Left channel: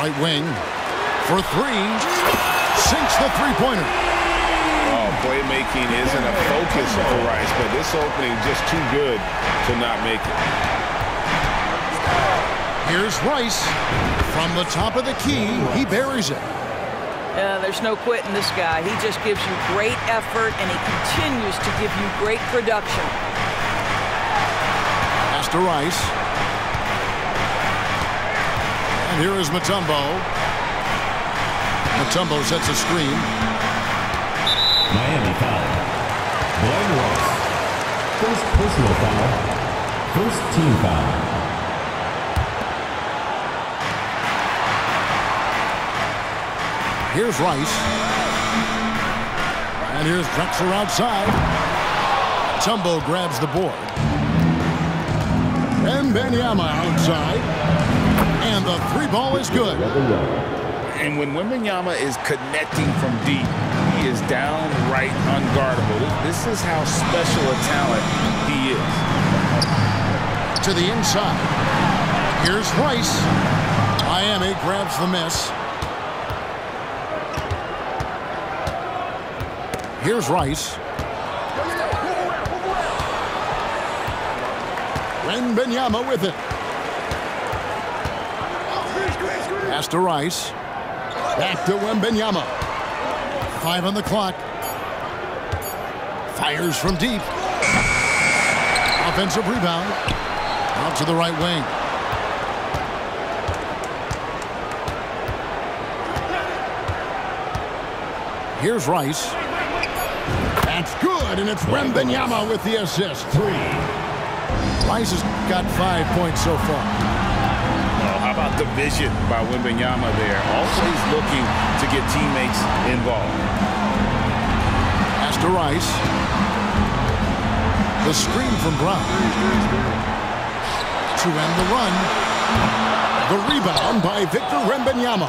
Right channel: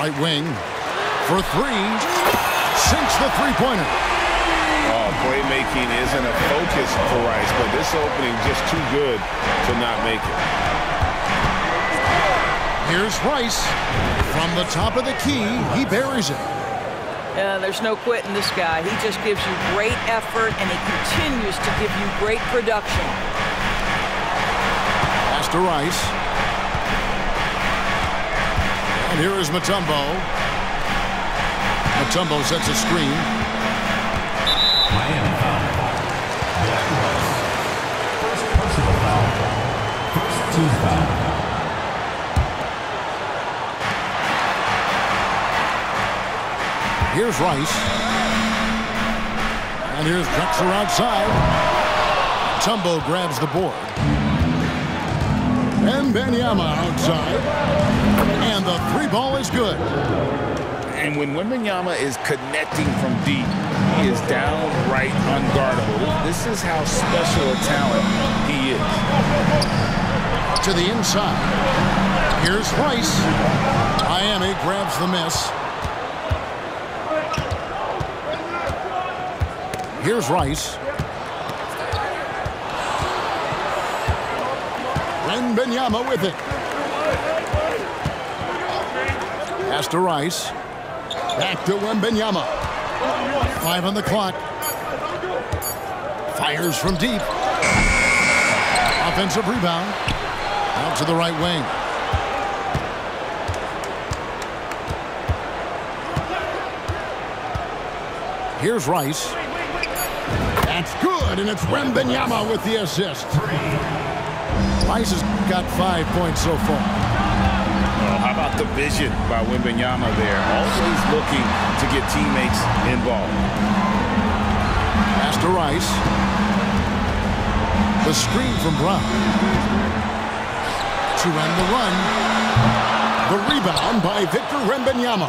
Right wing for three. Sinks the three-pointer. Oh, playmaking isn't a focus for Rice, but this opening just too good to not make it. Here's Rice. From the top of the key, he buries it. There's no quitting this guy. He just gives you great effort, and he continues to give you great production. Pass to Rice. And here is Mutombo. Mutombo sets a screen. Miami foul. Glenn Rice. First personal foul. First team foul. Here's Rice. And here's Drexler outside. Mutombo grabs the board. Wembanyama outside. And the three ball is good. And when Wembanyama is connecting from deep, he is downright unguardable. This is how special a talent he is. To the inside. Here's Rice. Miami grabs the miss. Here's Rice. Wembanyama with it. Pass to Rice. Back to Wembanyama. 5 on the clock. Fires from deep. Offensive rebound. Out to the right wing. Here's Rice. That's good, and it's Wembanyama with the assist. Rice has got 5 points so far. Oh, how about the vision by Wembanyama there? Always looking to get teammates involved. Pass to Rice. The screen from Brown. To end the run. The rebound by Victor Wembanyama.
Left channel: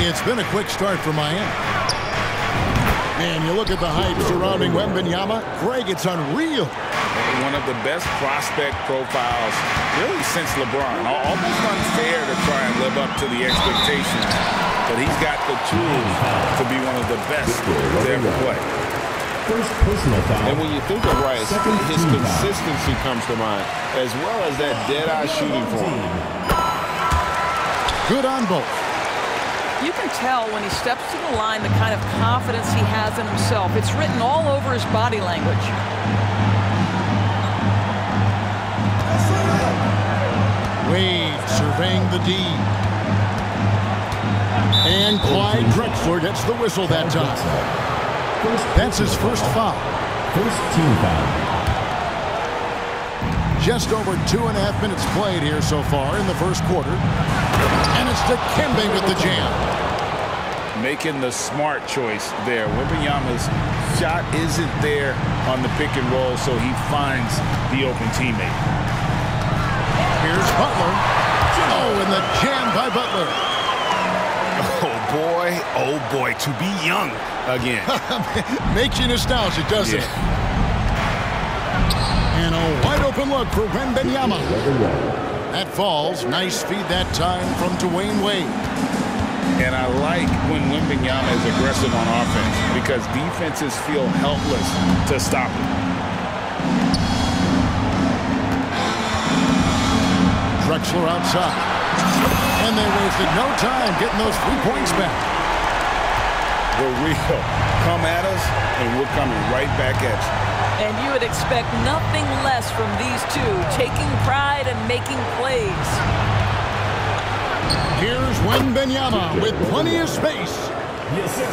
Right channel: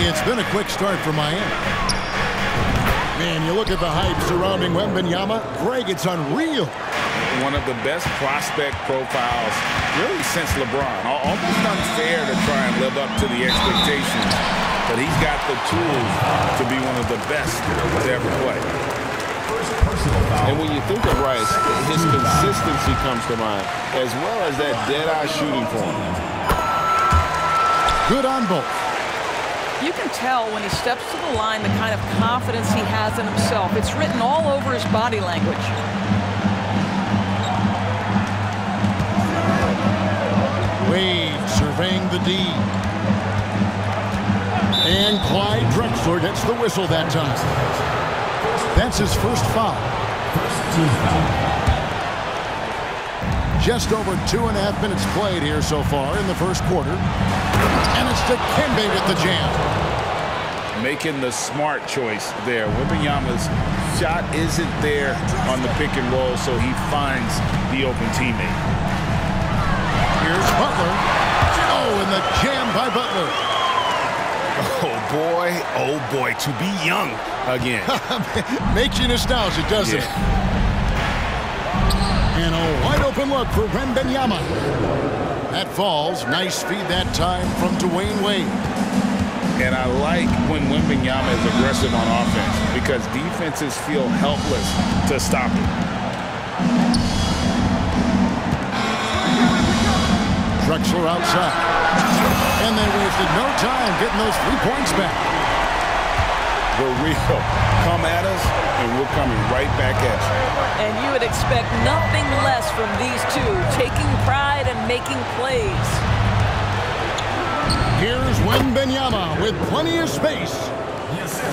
It's been a quick start for Miami. Man, you look at the hype surrounding Wembanyama. Greg, it's unreal. One of the best prospect profiles really since LeBron. Almost unfair to try and live up to the expectations, but he's got the tools to be one of the best to ever play. First personal foul. And when you think of Rice, his consistency comes to mind, as well as that dead-eye shooting form. Good on both. You can tell when he steps to the line the kind of confidence he has in himself. It's written all over his body language. Wade surveying the D. And Clyde Drexler gets the whistle that time. That's his first foul. First team foul. Just over 2.5 minutes played here so far in the first quarter. And it's Dikembe with the jam. Making the smart choice there. Wembanyama's shot isn't there on the pick and roll, so he finds the open teammate. Here's Butler. Oh, and the jam by Butler. Oh boy, to be young again. Makes you nostalgic, doesn't it? And a wide open look for Wembanyama. That falls. Nice feed that time from Dwayne Wade. And I like when Wembanyama is aggressive on offense because defenses feel helpless to stop him. Drexler outside. And they wasted no time getting those 3 points back. The real. Come at us, and we're coming right back at you. And you would expect nothing less from these two, taking pride and making plays. Here's Wembanyama with plenty of space.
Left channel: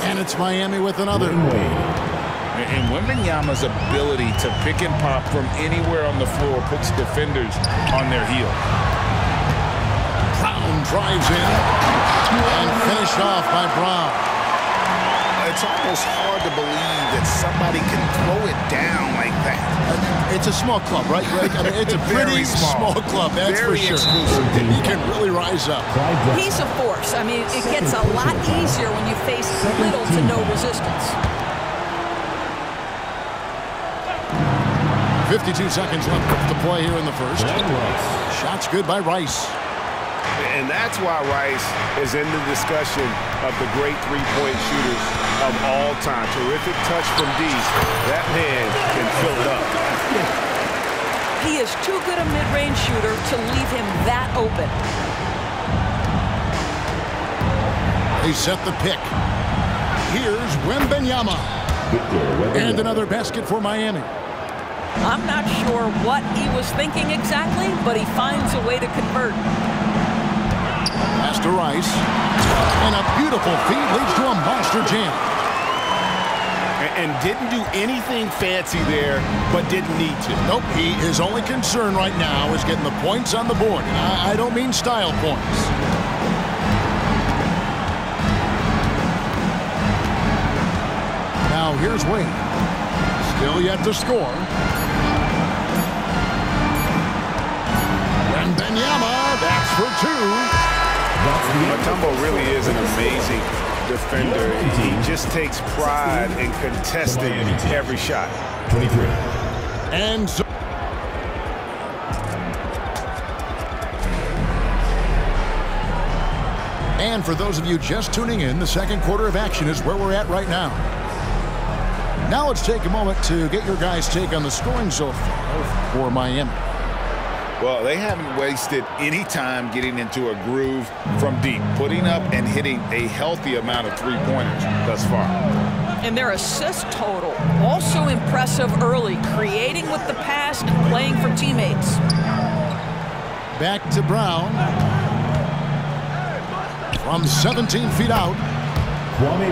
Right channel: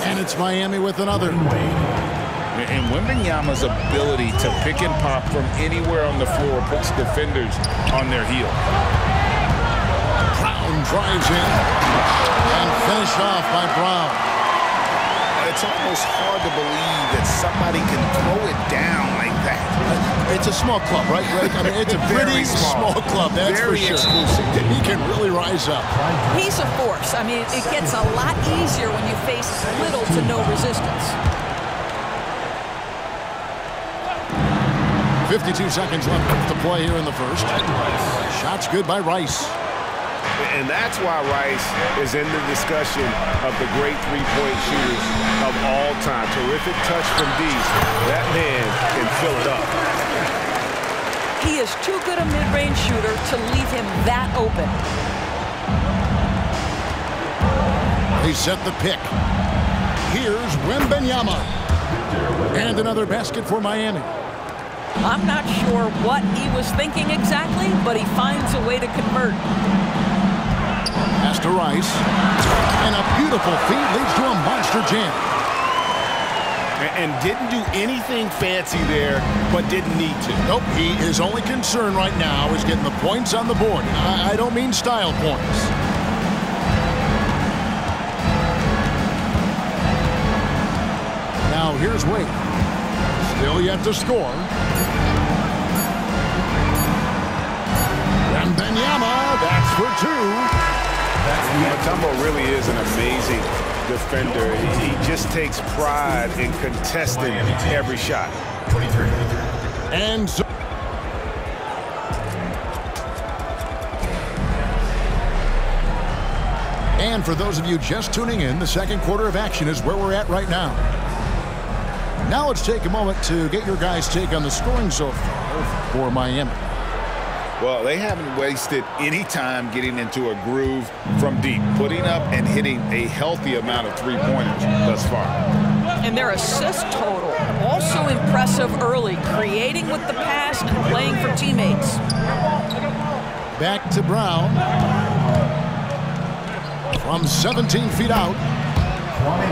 And it's Miami with another. And Wembanyama's ability to pick and pop from anywhere on the floor puts defenders on their heels. Brown drives in and finished off by Brown. It's almost hard to believe that somebody can throw it down like that. It's a small club, right, Greg? I mean, it's a pretty small club, that's Very for sure. exclusive. He can really rise up. He's a force. I mean, it gets a lot easier when you face little to no resistance. 52 seconds left to play here in the first. Shots good by Rice. And that's why Rice is in the discussion of the great three-point shooters of all time. Terrific touch from deep. That man can fill it up. He is too good a mid-range shooter to leave him that open. They set the pick. Here's Wembanyama. And another basket for Miami. I'm not sure what he was thinking exactly, but he finds a way to convert. Pass to Rice. And a beautiful feed leads to a monster jam. And didn't do anything fancy there, but didn't need to. Nope, his only concern right now is getting the points on the board. And I don't mean style points. Now here's Wade. Still yet to score. Wembanyama, that's for two. Mutombo really is an amazing defender. He just takes pride in contesting every shot. 23. And so and for those of you just tuning in, the second quarter of action is where we're at right now. Now let's take a moment to get your guys' take on the scoring so far for Miami. Well, they haven't wasted any time getting into a groove from deep, putting up and hitting a healthy amount of three-pointers thus far. And their assist total, also impressive early, creating with the pass and playing for teammates. Back to Brown. From 17 feet out.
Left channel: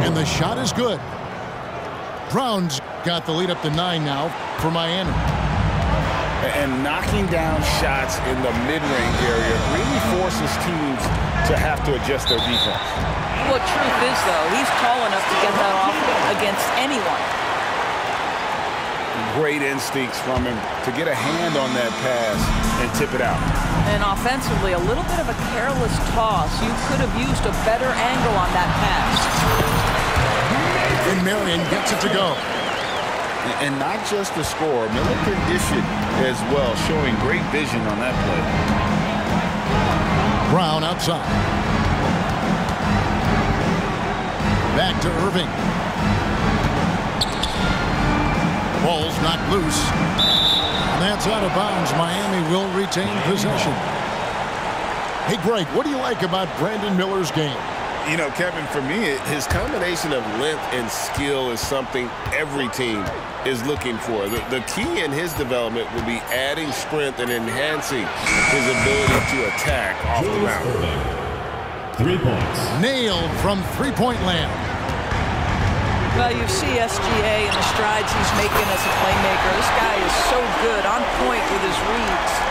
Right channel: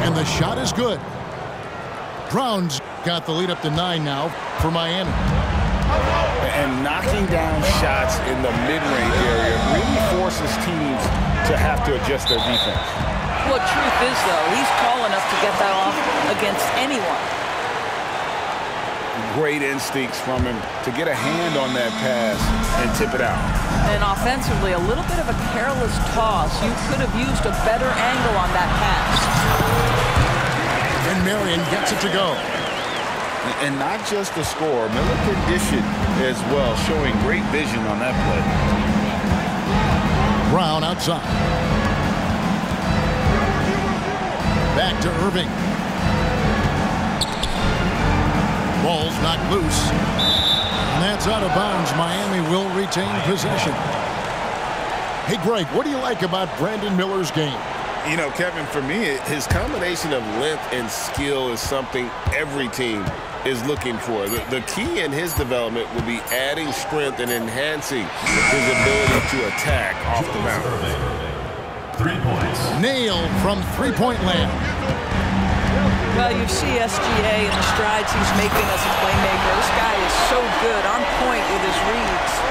And the shot is good. Brown's got the lead up to 9 now for Miami. And knocking down shots in the mid-range area really forces teams to have to adjust their defense. Well, truth is, though, he's tall enough to get that off against anyone. Great instincts from him to get a hand on that pass and tip it out. And offensively, a little bit of a careless toss. You could have used a better angle on that pass. And Marion gets it to go. And not just the score, Miller can dish it as well, showing great vision on that play. Brown outside. Back to Irving. Ball's knocked loose. And that's out of bounds. Miami will retain possession. Hey, Greg, what do you like about Brandon Miller's game? You know, Kevin, for me, his combination of length and skill is something every team is looking for. The key in his development will be adding strength and enhancing his ability to attack off the mound. 3 points. Nailed from three-point land. Well, you see SGA and the strides he's making as a playmaker. This guy is so good, on point with his reads.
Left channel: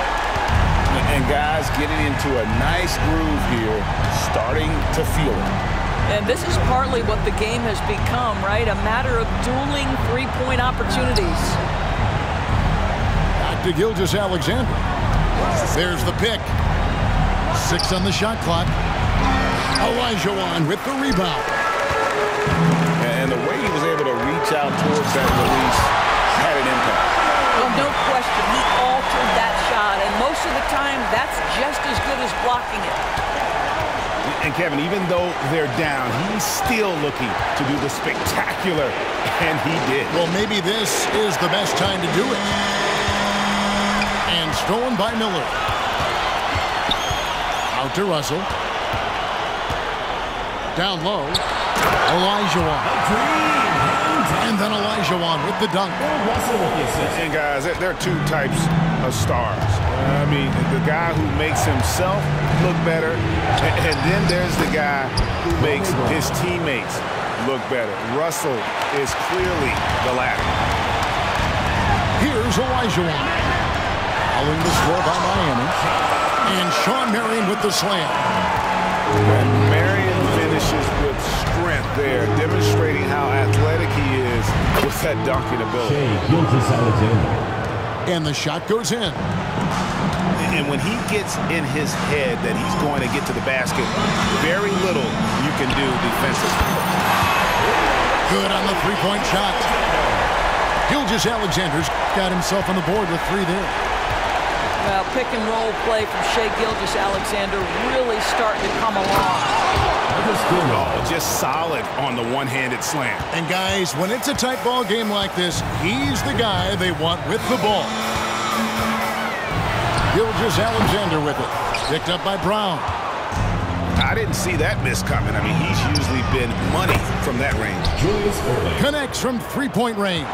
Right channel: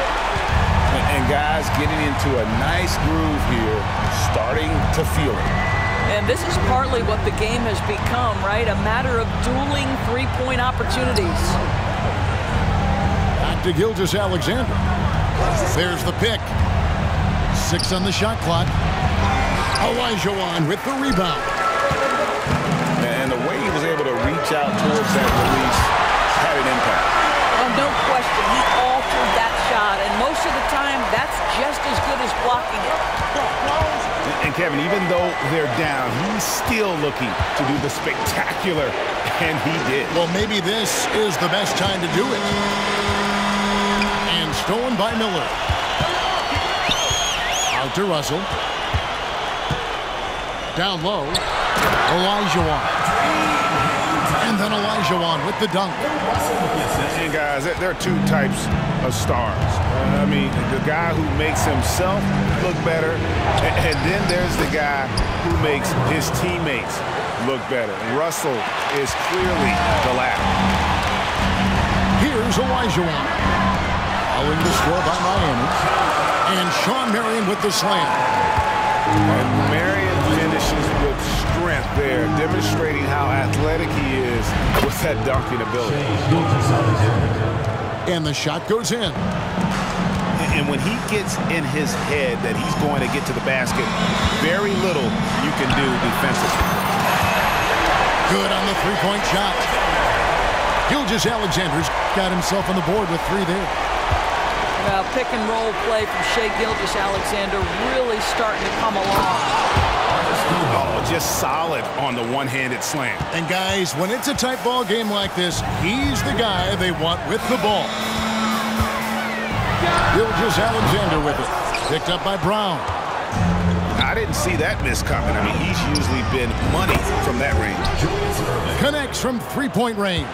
And guys getting into a nice groove here, starting to feel it. And this is partly what the game has become, right? A matter of dueling three-point opportunities. Back to Gilgeous-Alexander. There's the pick. 6 on the shot clock. Olajuwon with the rebound. And the way he was able to reach out towards that release had an impact. Well, no question, he altered that shot, and most of the time, that's just as good as blocking it. And Kevin, even though they're down, he's still looking to do the spectacular, and he did. Well, maybe this is the best time to do it. And stolen by Miller. Out to Russell. Down low. Olajuwon. And then Olajuwon with the dunk. And guys, there are two types of stars. I mean, the guy who makes himself look better, and then there's the guy who makes his teammates look better. Russell is clearly the latter. Here's Olajuwon. Following the score by Miami. And Shawn Marion with the slam. And Marion finishes with strength there, demonstrating how athletic he is with that dunking ability. And the shot goes in. And when he gets in his head that he's going to get to the basket, very little you can do defensively. Good on the three-point shot. Gilgeous-Alexander's got himself on the board with 3 there. Well, pick and roll play from Shai Gilgeous-Alexander really starting to come along. Oh, just solid on the one-handed slam. And guys, when it's a tight ball game like this, he's the guy they want with the ball. Gilgeous-Alexander with it. Picked up by Brown. I didn't see that miss coming. I mean, he's usually been money from that range. Connects from three-point range.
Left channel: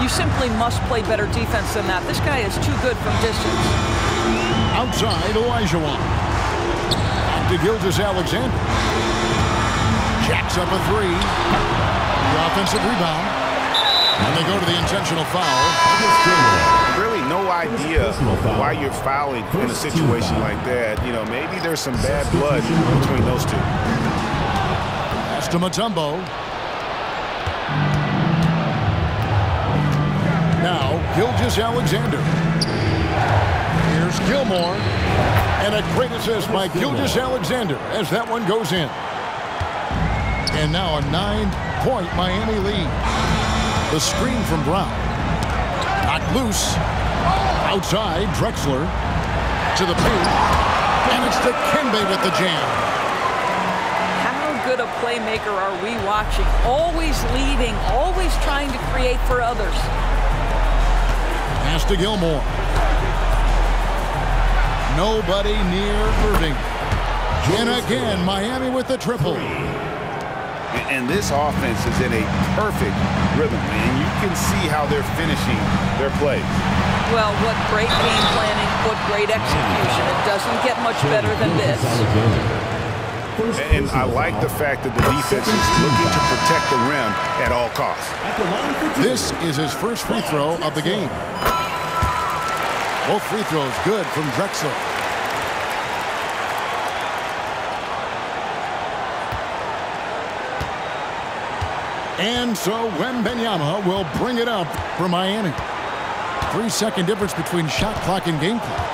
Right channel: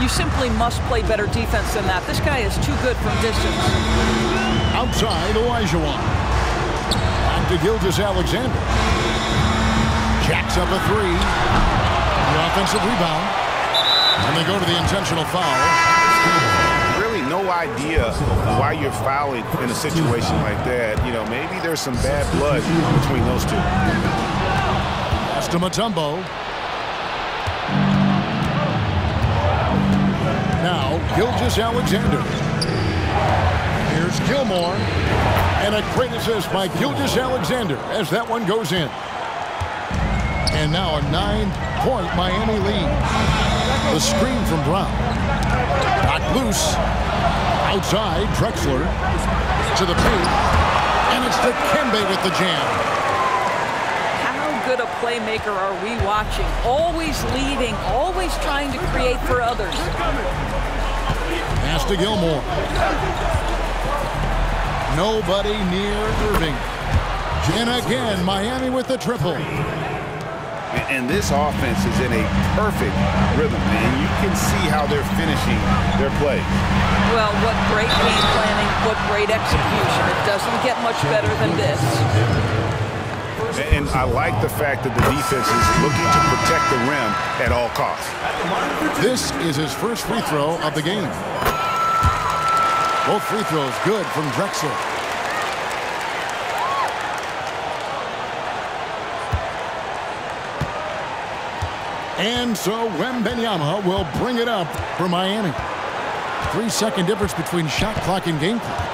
You simply must play better defense than that. This guy is too good from distance. Outside, Olajuwon. Back to Gilgeous-Alexander. Jacks up a 3. The offensive rebound. And they go to the intentional foul. Really no idea why you're fouling in a situation like that. You know, maybe there's some bad blood between those two. Pass to Mutombo. Now, Gilgeous-Alexander. Here's Gilmore. And a great assist by Gilgeous-Alexander as that one goes in. And now a 9-point Miami lead. The screen from Brown. Knocked loose. Outside, Drexler. To the paint. And it's Dikembe with the jam. How good a playmaker are we watching? Always leading, always trying to create for others. Pass to Gilmore. Nobody near Irving. And again, Miami with the triple. And this offense is in a perfect rhythm, man. You can see how they're finishing their plays. Well, what great game planning, what great execution. It doesn't get much better than this. And I like the fact that the defense is looking to protect the rim at all costs. This is his first free throw of the game. Both free throws good from Drexler. And so Wembanyama will bring it up for Miami. 3-second difference between shot clock and game clock.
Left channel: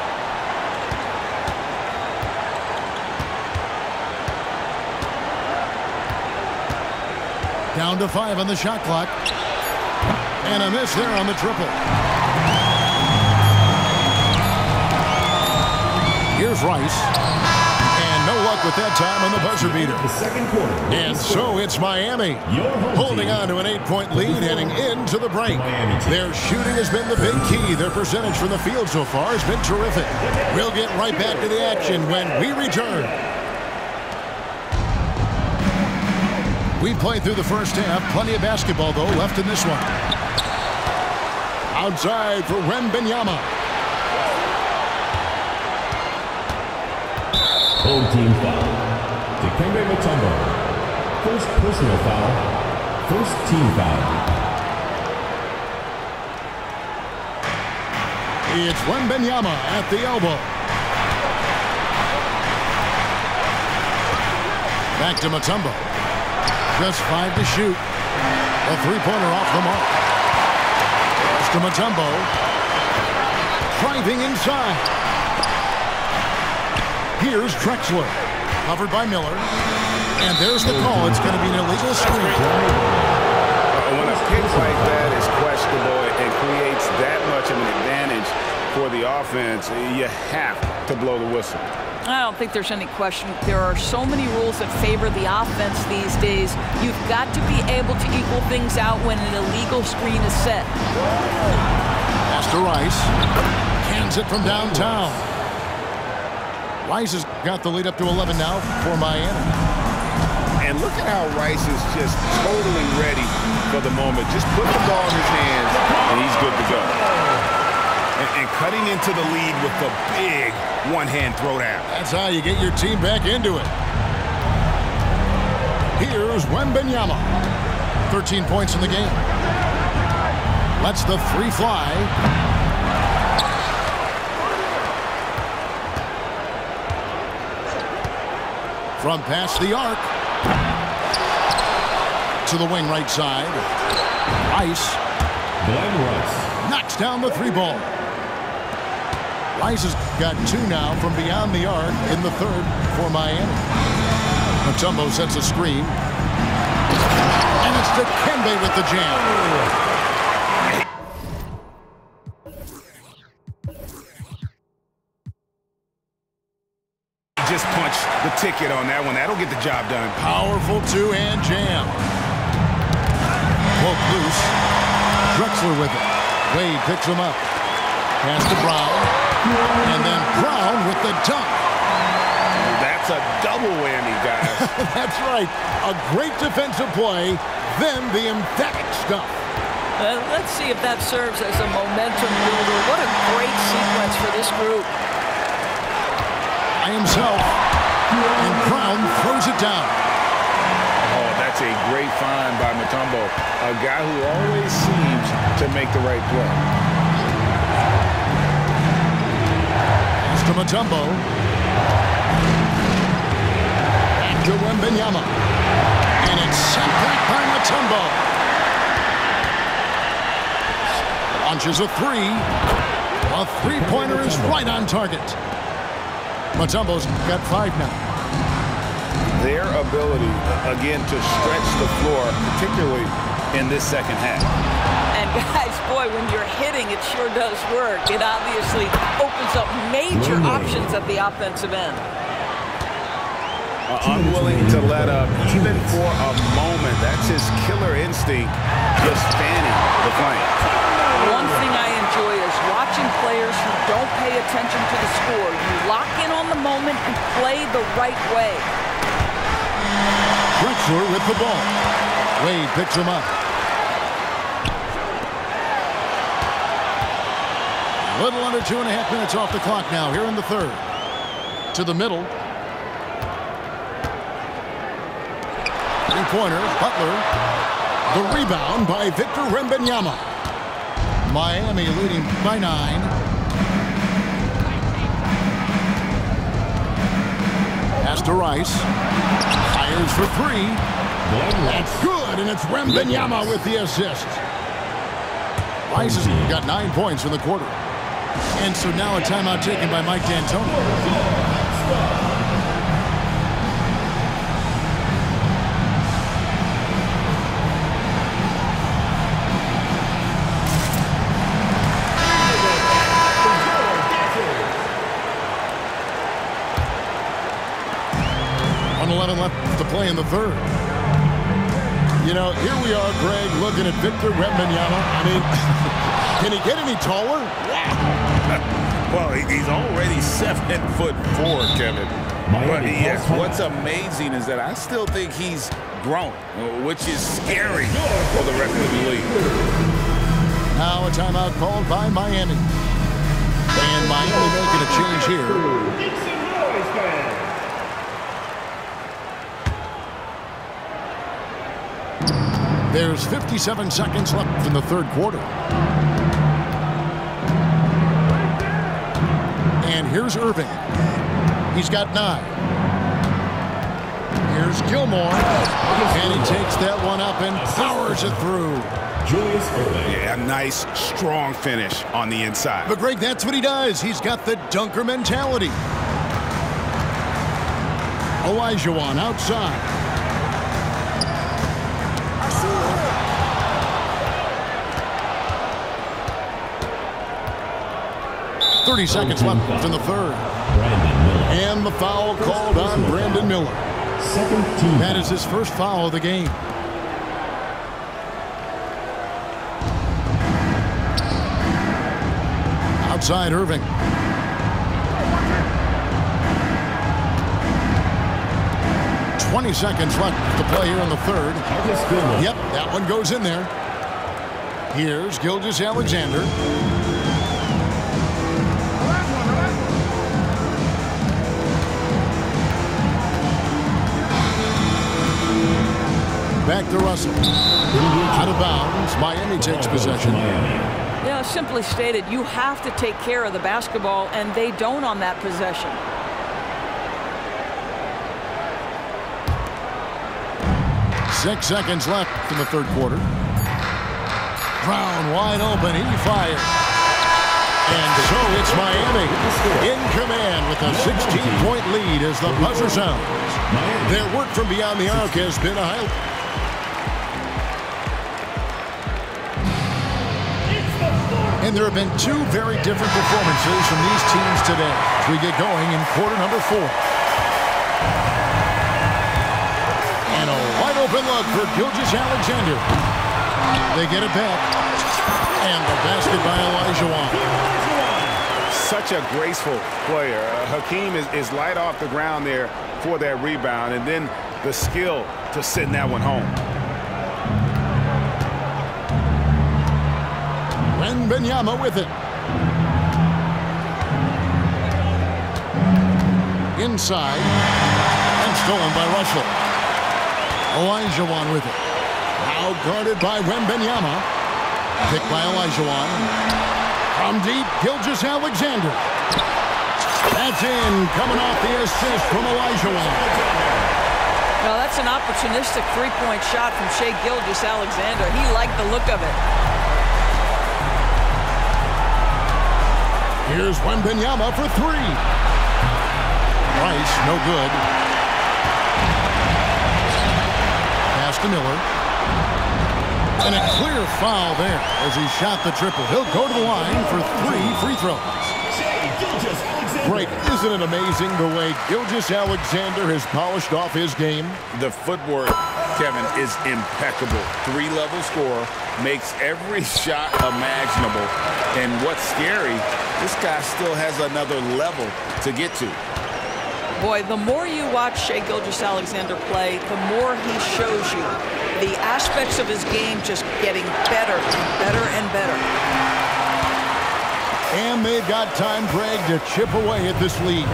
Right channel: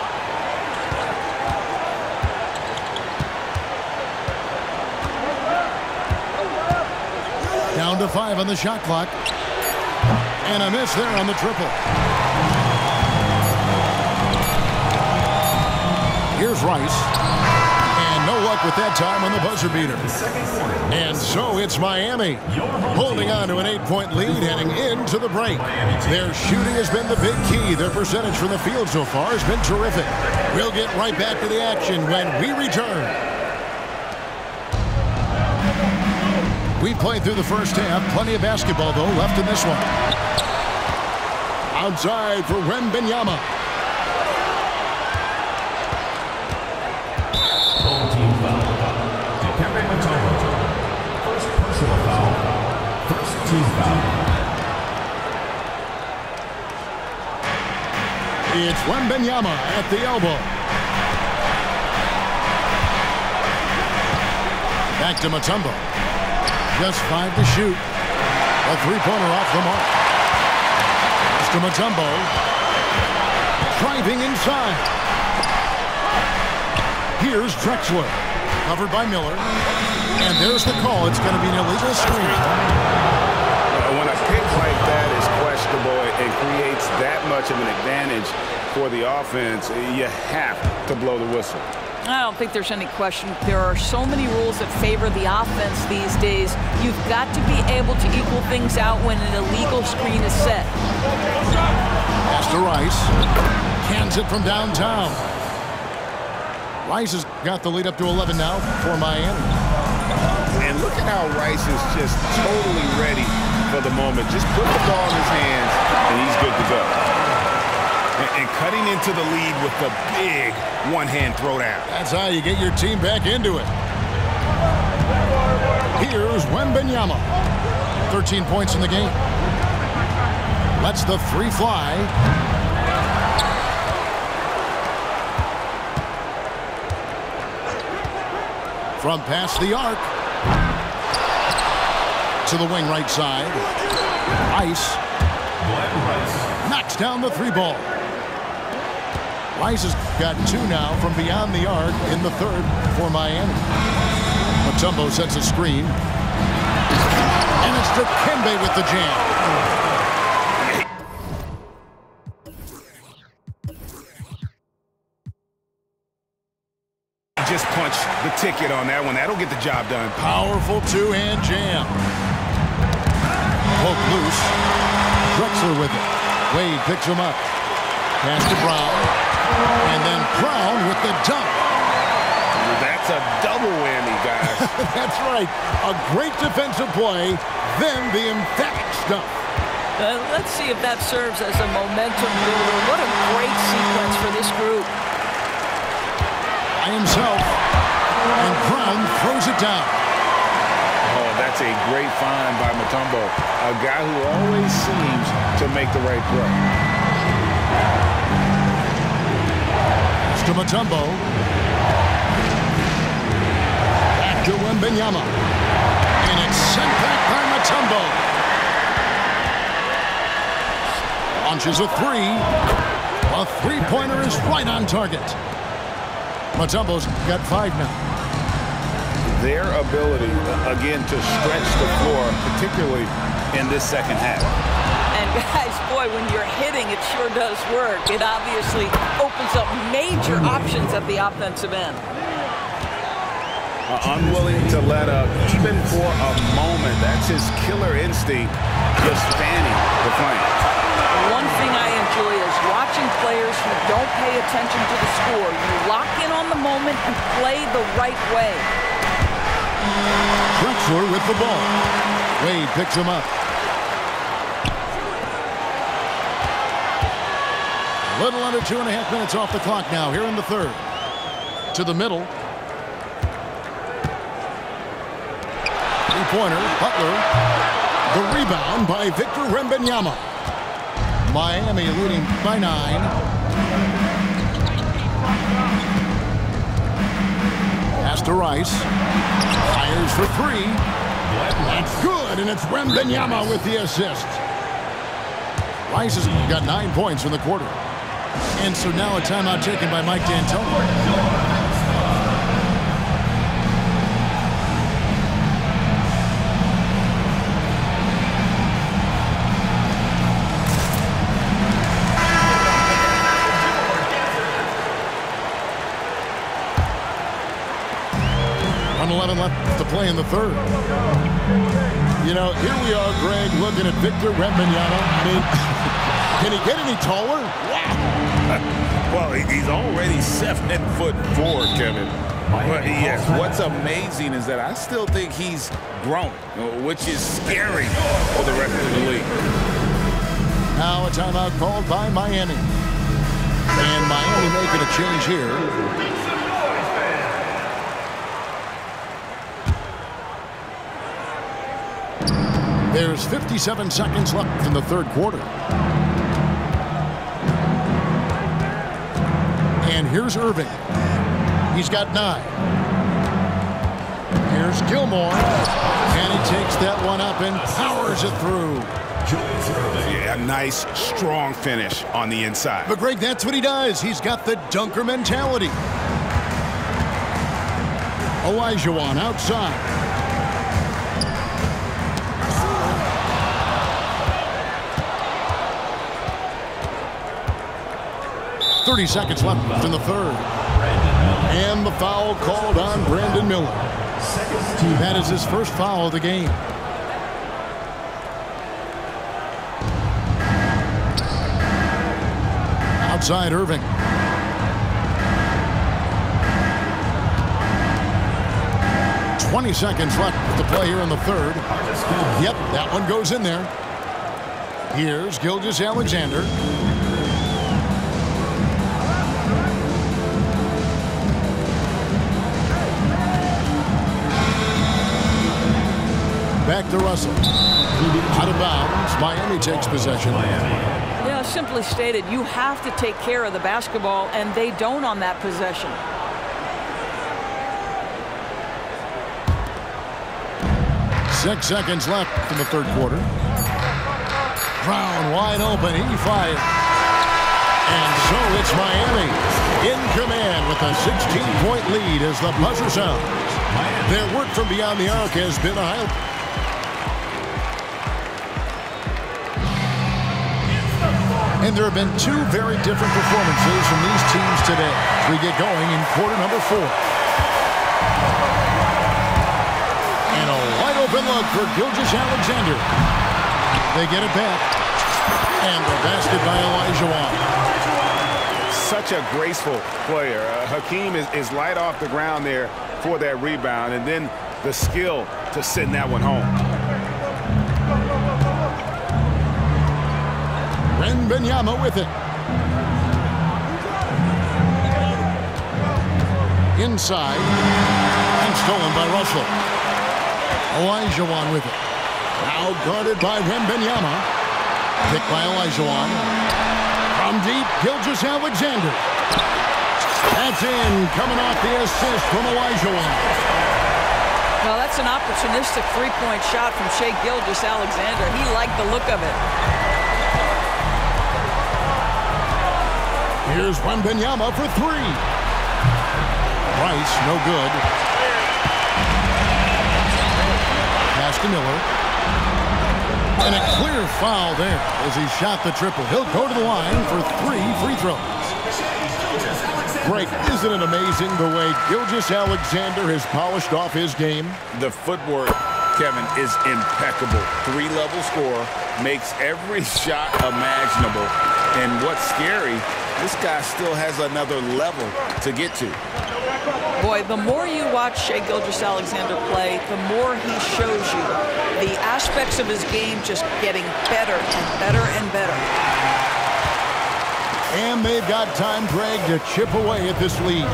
Down to 5 on the shot clock. And a miss there on the triple. Here's Rice. And no luck with that time on the buzzer beater. And so it's Miami holding on to an 8-point lead heading into the break. Their shooting has been the big key. Their percentage from the field so far has been terrific. We'll get right back to the action when we return. We played through the first half. Plenty of basketball, though, left in this one. Outside for Wembanyama. Home team foul. Dikembe Mutombo. First personal foul. First team foul. It's Wembanyama at the elbow. Back to Mutombo. Just 5 to shoot. A three-pointer off the mark. Pass to Mutombo. Driving inside. Here's Drexler. Covered by Miller. And there's the call. It's going to be an illegal screen. When a pick like that is questionable and creates that much of an advantage for the offense, you have to blow the whistle. I don't think there's any question. There are so many rules that favor the offense these days. You've got to be able to equal things out when an illegal screen is set. Pass to Rice. Cans it from downtown. Rice has got the lead up to 11 now for Miami. And look at how Rice is just totally ready for the moment. Just put the ball in his hands, and he's good to go. And cutting into the lead with the big one-hand throwdown. That's how you get your team back into it. Here's Wembanyama. 13 points in the game. Lets the three fly. From past the arc. To the wing right side. Rice. Glenn Rice. Knocks down the three ball. Rice has got two now from beyond the arc in the third for Miami. Mutombo sets a screen. And it's Dikembe with the jam. Just punch the ticket on that one. That'll get the job done. Powerful two-hand jam. Poke loose. Drexler with it. Wade picks him up. Pass to Brown. And then Brown with the dunk. That's a double whammy, guys. That's right. A great defensive play, then the emphatic stuff. Let's see if that serves as a momentum builder. What a great sequence for this group. By himself. And Brown throws it down. Oh, that's a great find by Mutombo. A guy who always seems to make the right play. Pass to Mutombo. Back to Wembanyama. And it's sent back by Mutombo. Launches a three. A three-pointer is right on target. Mutombo's got 5 now. Their ability, again, to stretch the floor, particularly in this second half. And guys, boy, when you're hitting, it sure does work. It obviously opens up major options at the offensive end. Unwilling to let up, even for a moment. That's his killer instinct, just fanning the flame. One thing I enjoy is watching players who don't pay attention to the score. You lock in on the moment and play the right way. Drexler with the ball. Wade picks him up. A little under 2.5 minutes off the clock now here in the third. To the middle. Three-pointer, Butler. The rebound by Victor Wembanyama. Miami leading by 9. Pass to Rice. Fires for 3. That's good, and it's Wembanyama with the assist. Rice has got 9 points in the quarter. And so now a timeout taken by Mike D'Antoni. Left to play in the third. You know, here we are, Greg, looking at Victor Wembanyama. I mean, can he get any taller? Wow. Well, he's already 7'4", Kevin. But yes, what's amazing is that I still think he's growing, which is scary for the rest of the league. Now a timeout called by Miami. And Miami making a change here. There's 57 seconds left in the third quarter. And here's Irving. He's got 9. Here's Gilmore. And he takes that one up and powers it through. Julius Irving. Yeah, nice, strong finish on the inside. But, Greg, that's what he does. He's got the dunker mentality. Olajuwon outside. 30 seconds left in the third. Brandon Miller. And the foul called on Brandon Miller. Second team. That is his first foul of the game. Outside Irving. .20 seconds left to play here in the third. Yep, that one goes in there. Here's Gilgeous-Alexander. back to Russell. Out of bounds. Miami takes possession. Yeah, simply stated, you have to take care of the basketball, and they don't on that possession. Six seconds left in the third quarter. Brown wide open. He fires. And so it's Miami in command with a 16-point lead as the buzzer sounds. Their work from beyond the arc has been a highlight. And there have been two very different performances from these teams today as we get going in quarter number 4. And a wide open look for Gilgeous-Alexander. They get it back. And the basket by Olajuwon. Such a graceful player. Hakeem is light off the ground there for that rebound, and then the skill to send that one home. Wembanyama with it. Inside. And stolen by Russell. Olajuwon with it. Now guarded by Wembanyama. Picked by Olajuwon. From deep, Gilgeous-Alexander. That's in, coming off the assist from Olajuwon. Well, that's an opportunistic three-point shot from Shai Gilgeous-Alexander. He liked the look of it. Here's Wembanyama for three. Rice, no good. Pass to Miller. And a clear foul there as he shot the triple. He'll go to the line for 3 free throws. Greg, isn't it amazing the way Gilgeous-Alexander has polished off his game? The footwork, Kevin, is impeccable. 3-level scorer, makes every shot imaginable. And what's scary, this guy still has another level to get to. Boy, the more you watch Shai Gilgeous-Alexander play, the more he shows you the aspects of his game just getting better and better and better. And they've got time, Greg, to chip away at this lead.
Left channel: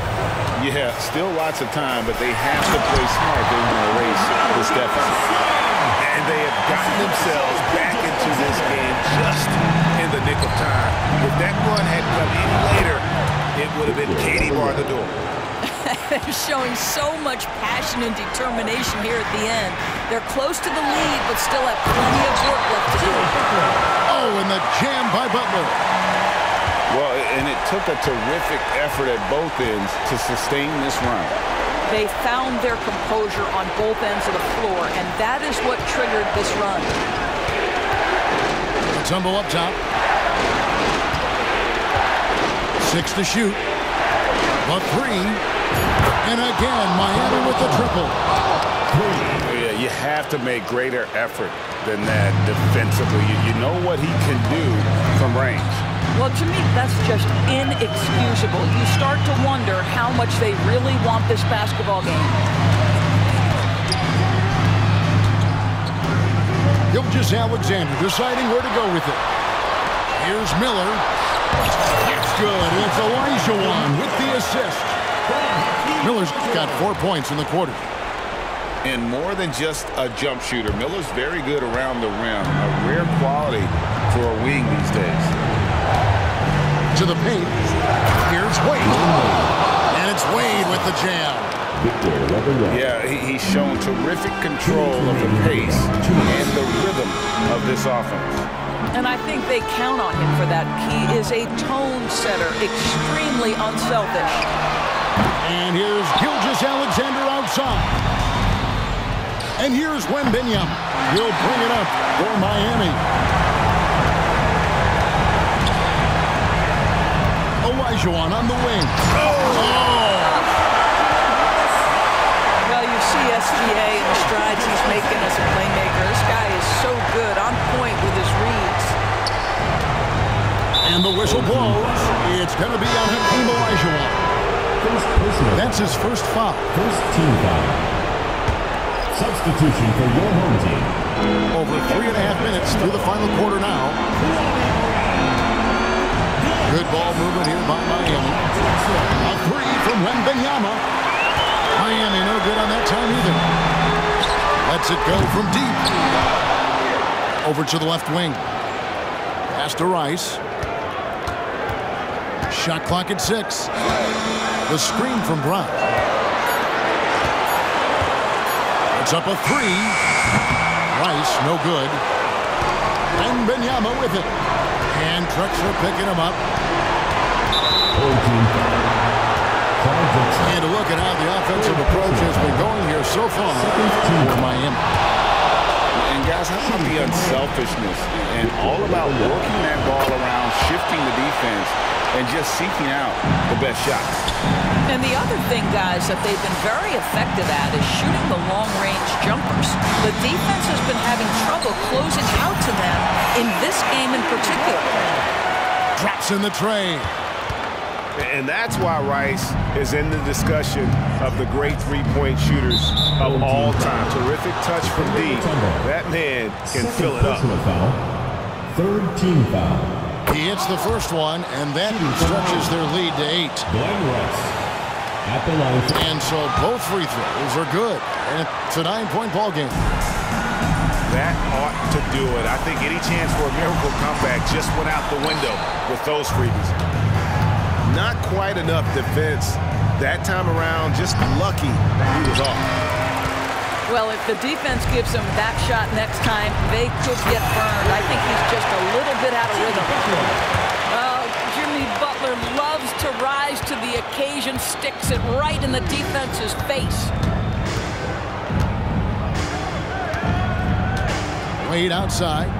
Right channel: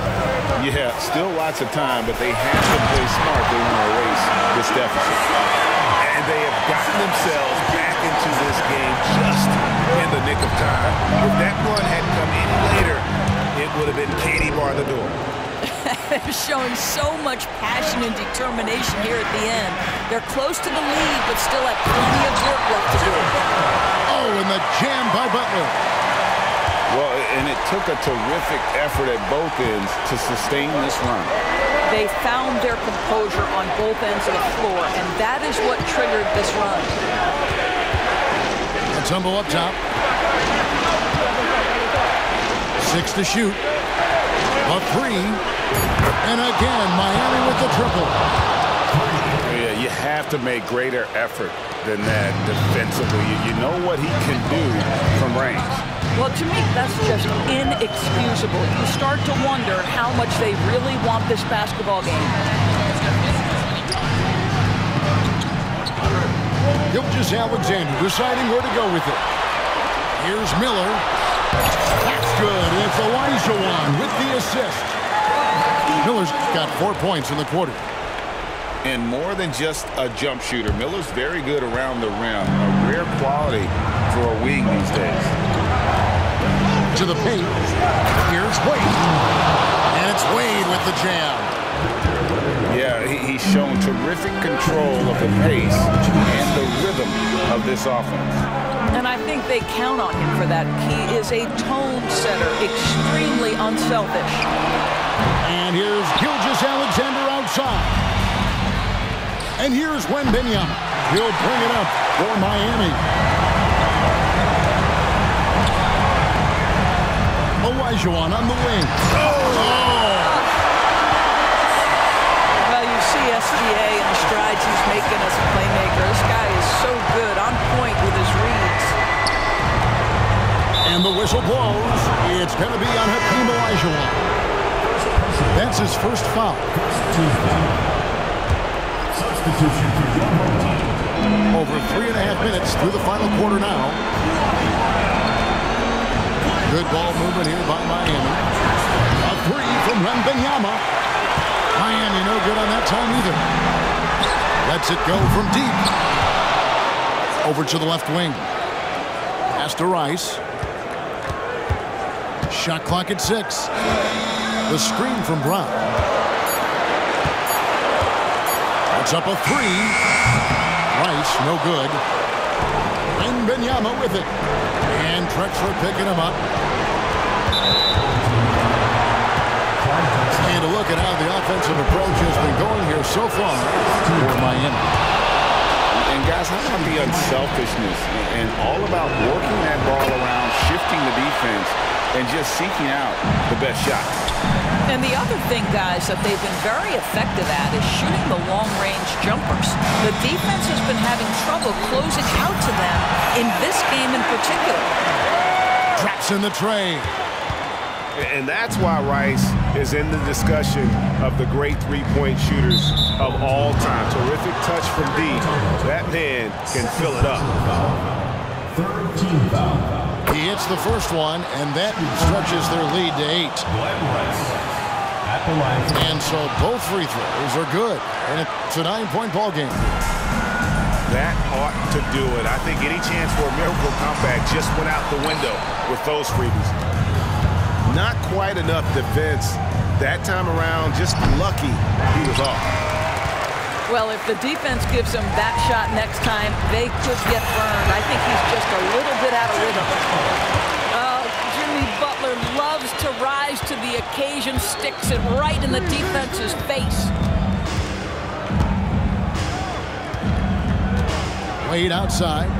Yeah, still lots of time, but they have to play smart. They want to erase this deficit. And they have gotten themselves back into this game just in the nick of time. If that run had come any later, it would have been Katie bar the door. They're showing so much passion and determination here at the end. They're close to the lead, but still have plenty of work left to do. Oh, and the jam by Butler. Well, and it took a terrific effort at both ends to sustain this run. They found their composure on both ends of the floor, and that is what triggered this run. Mutombo up top. 6 to shoot. A 3. And again, Miami with the triple. Yeah, you have to make greater effort than that defensively. You know what he can do from range. Well, to me, that's just inexcusable. You start to wonder how much they really want this basketball game. Gilgeous-Alexander deciding where to go with it. Here's Miller. That's good, and it's Olajuwon with the assist. Miller's got 4 points in the quarter. And more than just a jump shooter, Miller's very good around the rim. A rare quality for a wing these days. To the paint. Here's Wade. And it's Wade with the jam. Yeah, he's shown terrific control of the pace and the rhythm of this offense. And I think they count on him for that. He is a tone setter, extremely unselfish. And here's Gilgeous-Alexander outside. And here's Wembanyama. He'll bring it up for Miami. Olajuwon on the wing. Well, you see SGA and the strides he's making as a playmaker. This guy is so good, on point with his reads. And the whistle blows. It's going to be on Hakeem Olajuwon. That's his first foul. First team foul. Substitution for your home team. Over 3.5 minutes through the final quarter now. Good ball movement here by Miami. A 3 from Wembanyama. Miami no good on that time either. Lets it go from deep. Over to the left wing. Pass to Rice. Shot clock at 6. The screen from Brown. It's up a 3. Rice, no good. Wembanyama with it. And Drexler picking him up. And a look at how the offensive approach has been going here so far for Miami. And guys, how about the unselfishness and all about working that ball around, shifting the defense, and just seeking out the best shot. And the other thing, guys, that they've been very effective at is shooting the long-range jumpers. The defense has been having trouble closing out to them in this game in particular. Drops in the tray. And that's why Rice is in the discussion of the great three-point shooters of all time. Terrific touch from deep. That man can fill it up. Third team foul. He hits the first one, and that stretches their lead to 8. Glenn Rice at the line. And so both free throws are good. And it's a 9-point ball game. That ought to do it. I think any chance for a miracle comeback just went out the window with those freebies. Not quite enough defense that time around. Just lucky he was off. Well, if the defense gives him that shot next time, they could get burned. I think he's just a little bit out of rhythm. Oh, Jimmy Butler loves to rise to the occasion, sticks it right in the defense's face. Wade outside.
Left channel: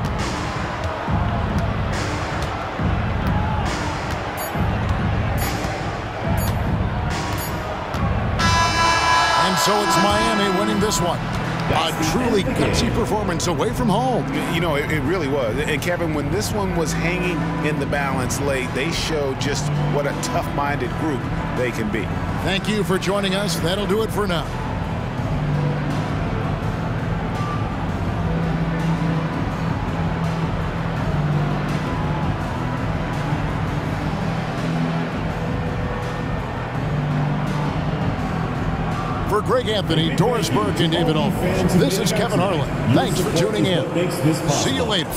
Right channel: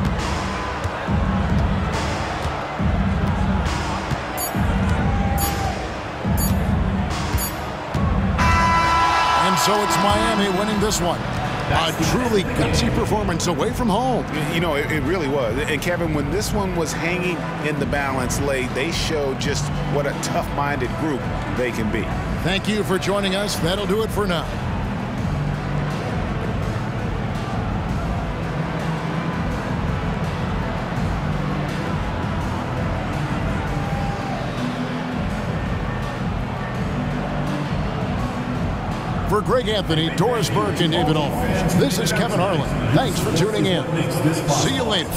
And so it's Miami winning this one. A truly gutsy performance away from home. You know, it really was. And, Kevin, when this one was hanging in the balance late, they showed just what a tough-minded group they can be. Thank you for joining us. That'll do it for now. For Greg Anthony, Doris Burke, and David Aldridge, this is Kevin Harlan. Thanks for tuning in. See you later.